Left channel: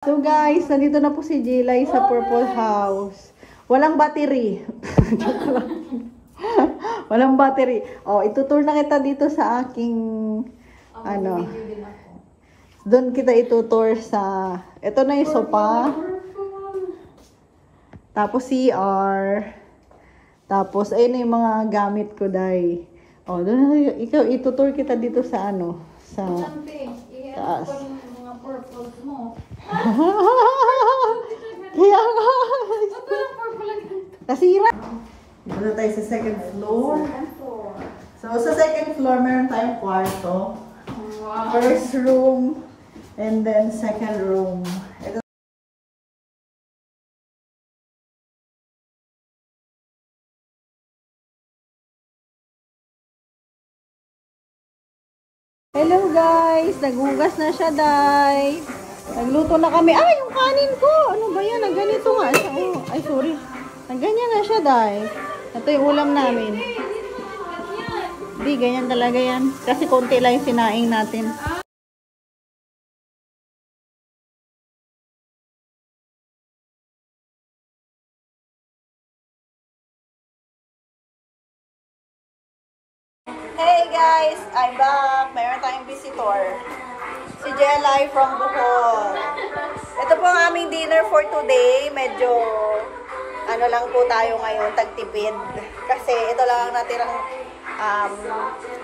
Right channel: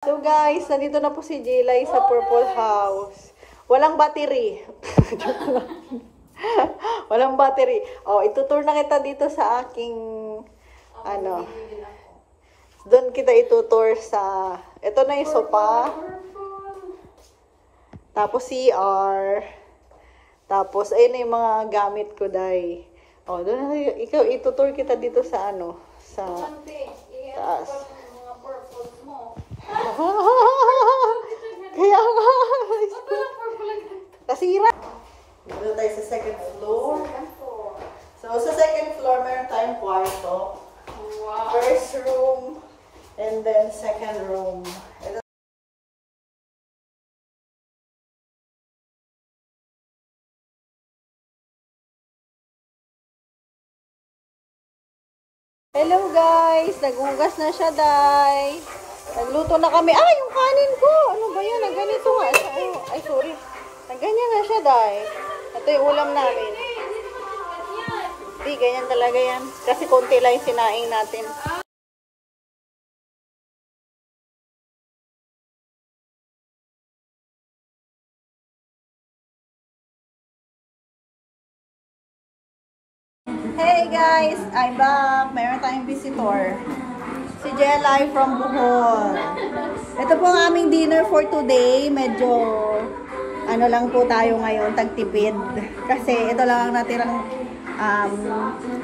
So guys, nandito na po si Jilay sa Purple House. Walang battery. Walang battery. Oh, itutur na kita dito sa aking ano. Doon kita itutur sa ito na yung sofa. Tapos CR. Tapos ayun na yung mga gamit ko dai. Oh, doon na ikaw itutur kita dito sa ano, sa taas. Kasi yun na. Dito na tayo sa second floor. So sa second floor, meron tayong kwarto. First room. And then second room. Ito. Hello guys! Naghugas na siya, Day. Nagluto na kami. Ay, yung kanin ko! Ano ba yan? Nagganito nga. Ay, sorry. Nagganyan na siya, Day. Ito yung ulam namin. Hindi, ganyan talaga yan. Kasi konti lang yung sinaing natin. Hey guys! I'm back. Meron tayong visitor. Si Jelay from Bohol. Ito po ang aming dinner for today. Medyo ano lang po tayo ngayon, tagtipid. Kasi ito lang ang natirang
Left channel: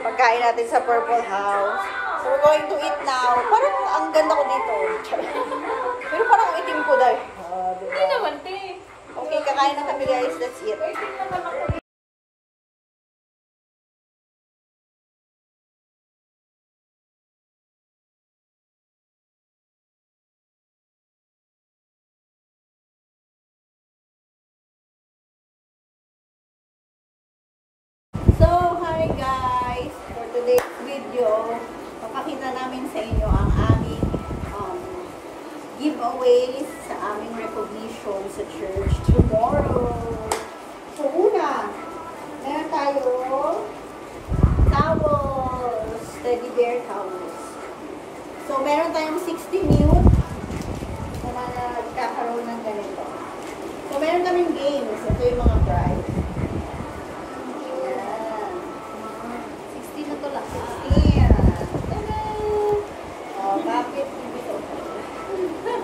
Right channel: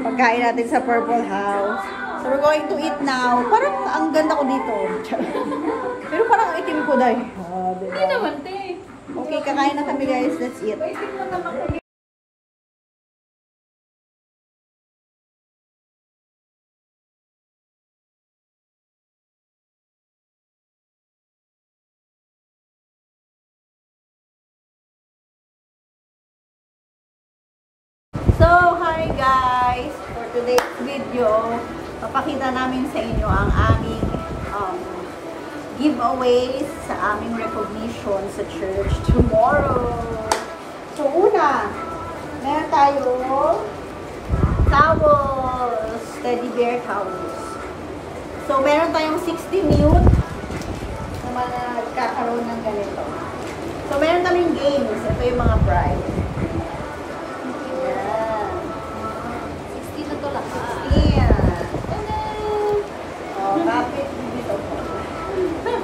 pagkain natin sa Purple House. So we're going to eat now. Parang ang ganda ko dito. Pero parang itim ko dahil. Hindi naman, te. Okay, kakain na kami guys. Let's eat. So, hi guys! For today's video, papakita namin sa inyo ang aming giveaways sa aming recognition sa church tomorrow. So, una, meron tayo towels, teddy bear towels. So, meron tayong 60 mute na magkakaroon ng ganito. So, meron kaming games. Ito yung mga prize.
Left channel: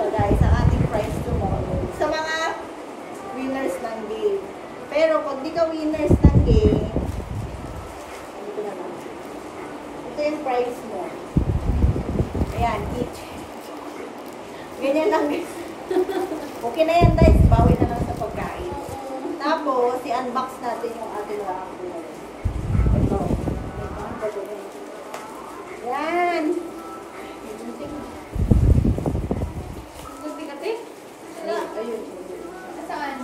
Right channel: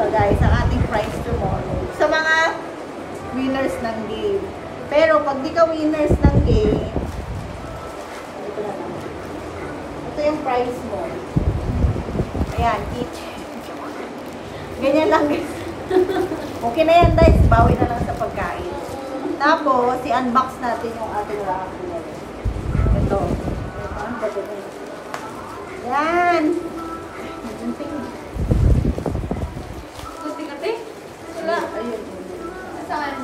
So guys, ang ating prize tomorrow sa mga winners ng game. Pero pag di ka winners ng game, ito na lang. Ito yung prize mo. Ayan, each. Ganyan lang guys. Okay na yan guys, bawi na lang sa pagkain. Tapos, i-unbox natin yung ating raffle. Ito. Yan. Wala. Ayun. Saan?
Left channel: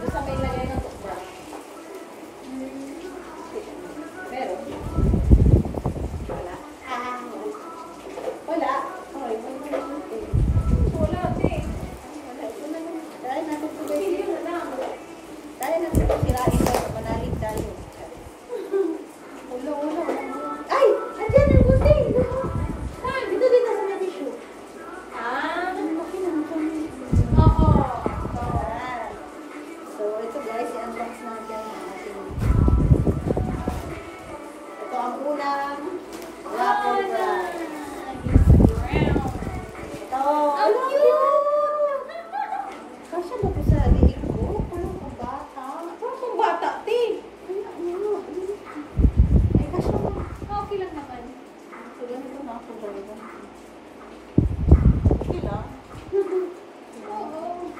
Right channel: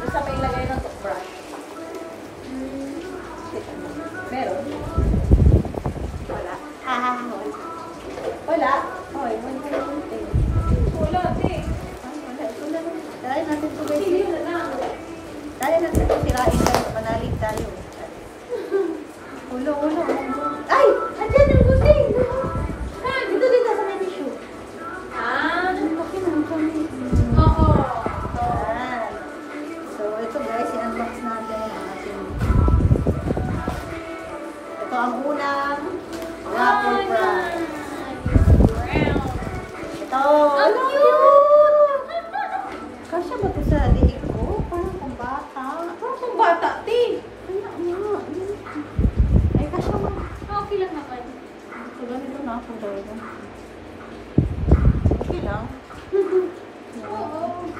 Basta may ilagay ng toothbrush. Meron? Wala. Wala? Oy, wala ka na yung thing. Wala, te. Wala. Ito na lang. Dahil natin ito guys. Hindi na lang. Dahil natin ito sirain tayo. Manalig tayo. Ulo. Ay! Andyan ang gusing! Ito din ka sa may tissue. Laki naman kami. Oo. So, ito guys, i-unbox natin ang ating. Ito ang unang Waffle Prize. Ito. Ang cute! Kasya ba ito sa diig ko? Parang pang bata. Parang pang bata, te. Ay, kasya ba? Okay lang naman. So, ganito na ako talaga. Okay lang. Oo.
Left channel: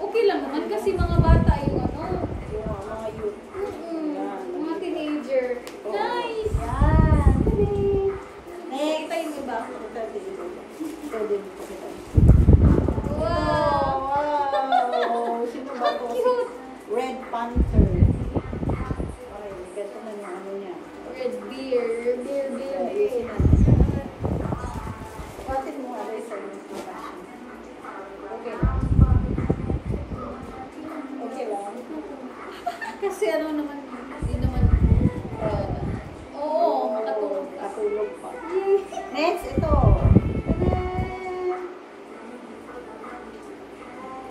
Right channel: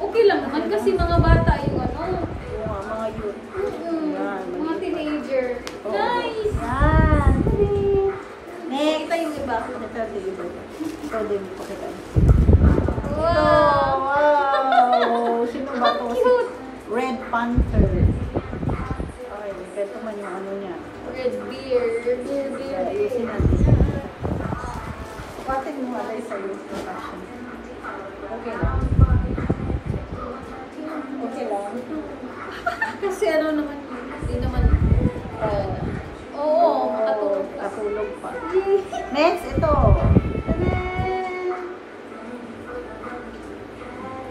Okay lang naman kasi mga bata yung ano. Yung mga youth. Mga teenager. Oh. Nice! Yan. Next. Kita yung iba. Ito din po kita. Wow! Wow! Sino ba ito? Cute! Red Panther. Ay, ito man yung ano niya. Red beer. Ayusin natin. Pati yung mother sa yung fashion. Okay lang. Okay lang. Kasi ano naman, hindi naman, oo, makatulog. Katulog pa. Next, ito.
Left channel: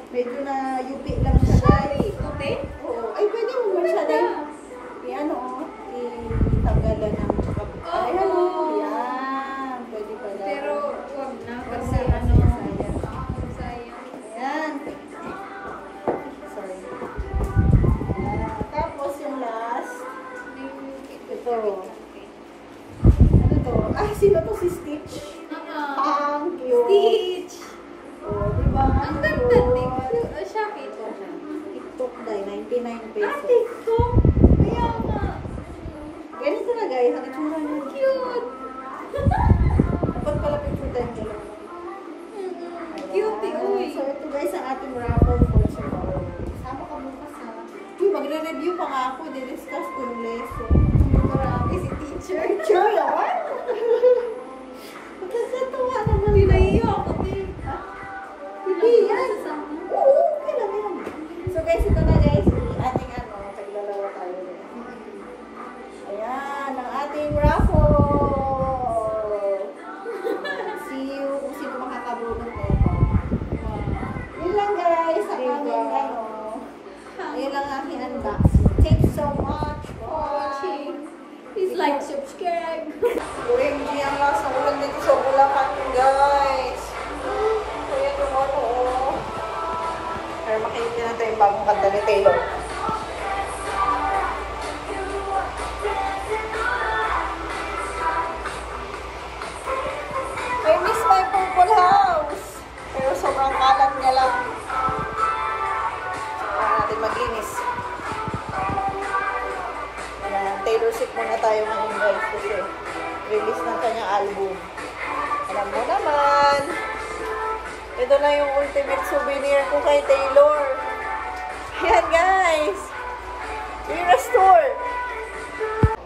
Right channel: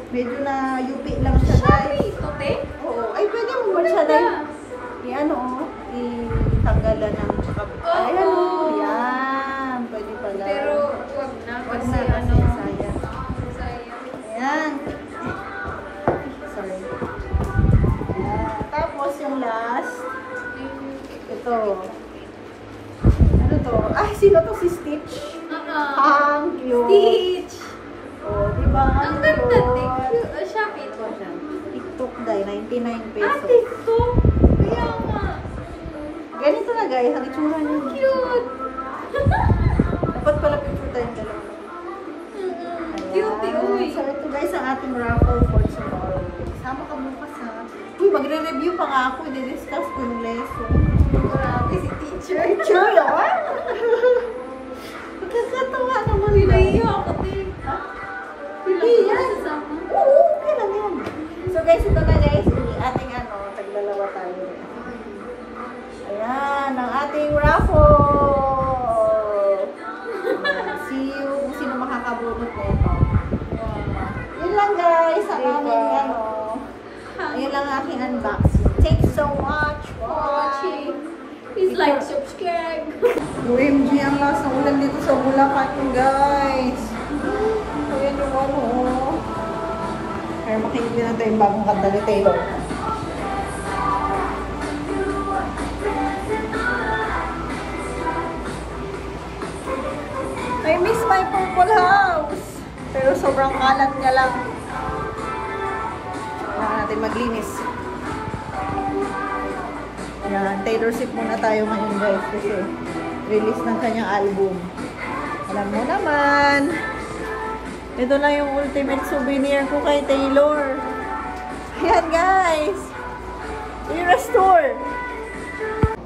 Medyo na yupi lang siya guys. Okay? Oo. Ay, pwede mo ba siya dahil i-ano, itanggalan ng tsaka. Ayan o. Yan. Pwede pala. Pero wag na Wag kasi na kasi ano. sayang. Sayang. Ayan. Sorry. Ayan. Tapos yung last. Ito. Ano to? Ay, sino to? Si Stitch? Ang cute. Stitch! Oh, diba? Ang ganda din. Shopee po siya. TikTok dahil 99 pesos. Ah, TikTok! Kaya nga. Ganito na guys, ang itsura niya. Cute! Dapat pala picture tayong dalawa. Cute, uy. So ito guys ang ating raffle for tomorrow. Sama ka bukas ha. Uy, magre-review pa nga ako. I-discuss ko yung lesson. Grabe si teacher. Teacher yun? Magkakatawa naman ba? Pinaiyo ako, tita. Hindi yan. Sama. Oo, okay lang yan. So guys, ito na guys. Ating ano, taglalawa tayo. Ayan, ang ating raffle. See you kung sino makakabunot nito. Yun lang guys, sa aming ano. Ayun lang ang aking unboxing. Thank you so much for watching. Please like, subscribe. OMG, ang lakas ng ulan dito sa Bulacan guys. Ayan yung ano. Kaya makikita natin yung bagong kanta ni Taylor. I miss my purple house. Pero sobrang kalat niya lang. Kailangan natin maglinis. Taylor Swift muna tayo ngayon guys kasi release ng kanyang album. Alam mo naman, ito lang yung ultimate souvenir ko kay Taylor. Ayan guys, Era Store.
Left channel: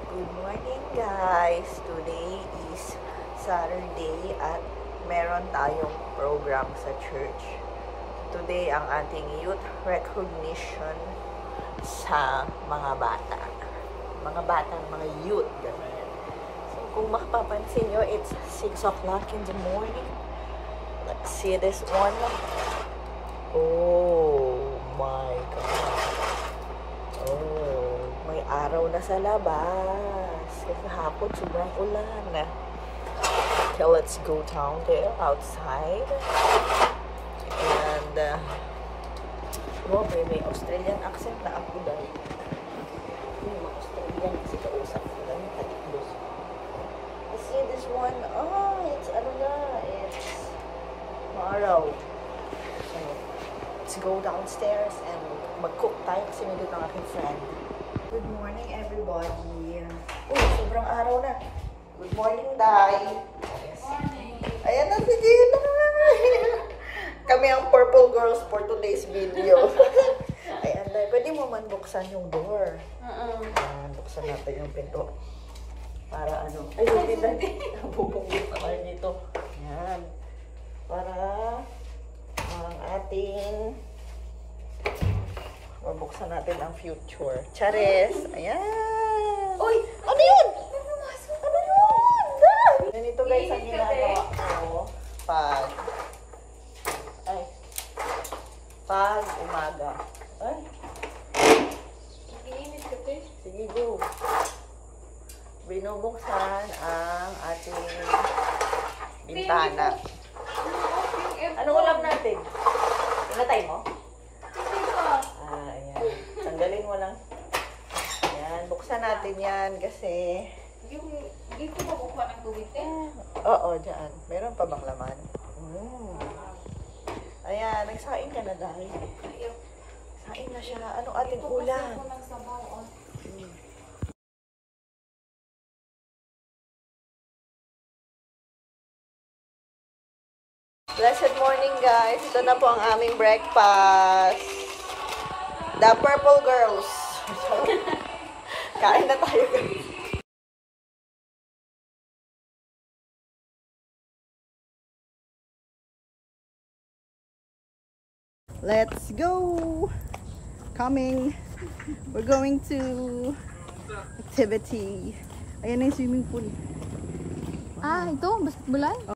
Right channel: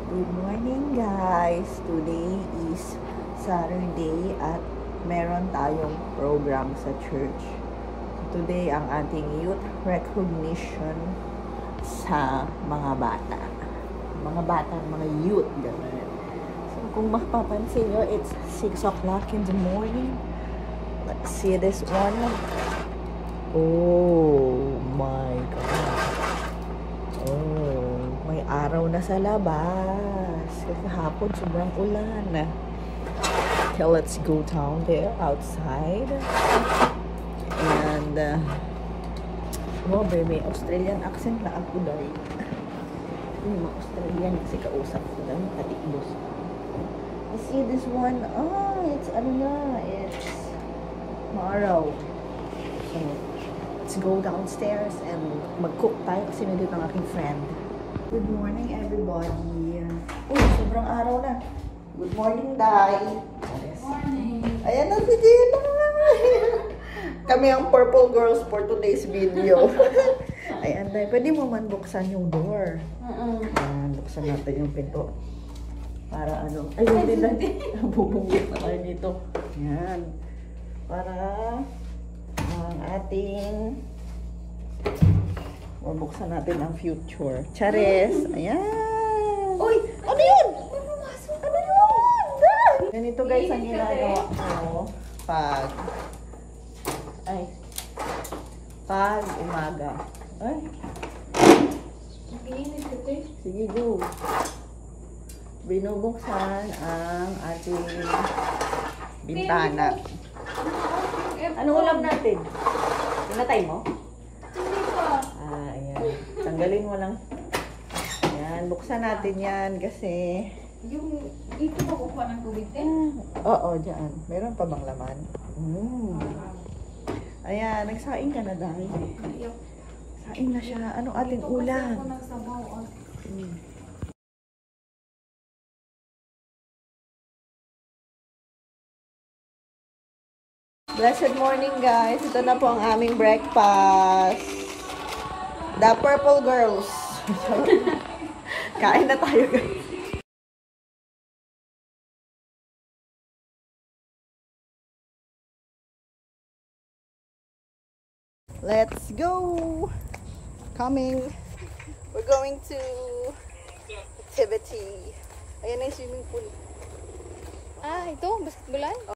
Good morning guys, today is Saturday at meron tayong program sa church. Today ang ating youth recognition sa mga bata. Mga youth. So, kung mapapansin nyo, it's 6 o'clock in the morning. Let's see this one. Oh my God. Oh, may araw na sa labas. Kasi hapon, sobrang ulan. Okay, let's go down there, outside. And, oh baby, Australian accent na ako dahil. Yung mga Australian kasi kausap ko dahil atik mo. I see this one. Oh, it's ano nga. It's maaraw. So, let's go downstairs and mag-cook tayo kasi nandito ang aking friend. Good morning everybody. Oh, sobrang araw na. Good morning, Day. Ayan na si Gina. Kami ang Purple Girls for today's video. Ayan, Day. Pwede mo man buksan yung door. Buksan natin yung pinto. Para ano. Ay, hindi. Bubungit na kayo dito. Ayan. Para ang ating mabuksan natin ang future. Charis. Ayan. Uy! Ano yun? Ano yun? Ganito guys ang ginagawa ko pag umaga. Ay. Sige, go. Binubuksan ang ating bintana. Anong ulam natin? Pinatay mo? Ayan. Tanggalin mo lang. Ayan, buksan natin yan kasi... Yung ito ko pa ng tubig din? Oo, dyan. Meron pa bang laman? Ayan, nagsaing ka na dahil. Saing na siya. Anong ating ulam? Blessed morning guys. Ito na po ang aming breakfast. The Purple Girls. Kain na tayo guys. Let's go! Coming! We're going to activity. Ayan na yung swimming pool. Ah, ito? Basketballan?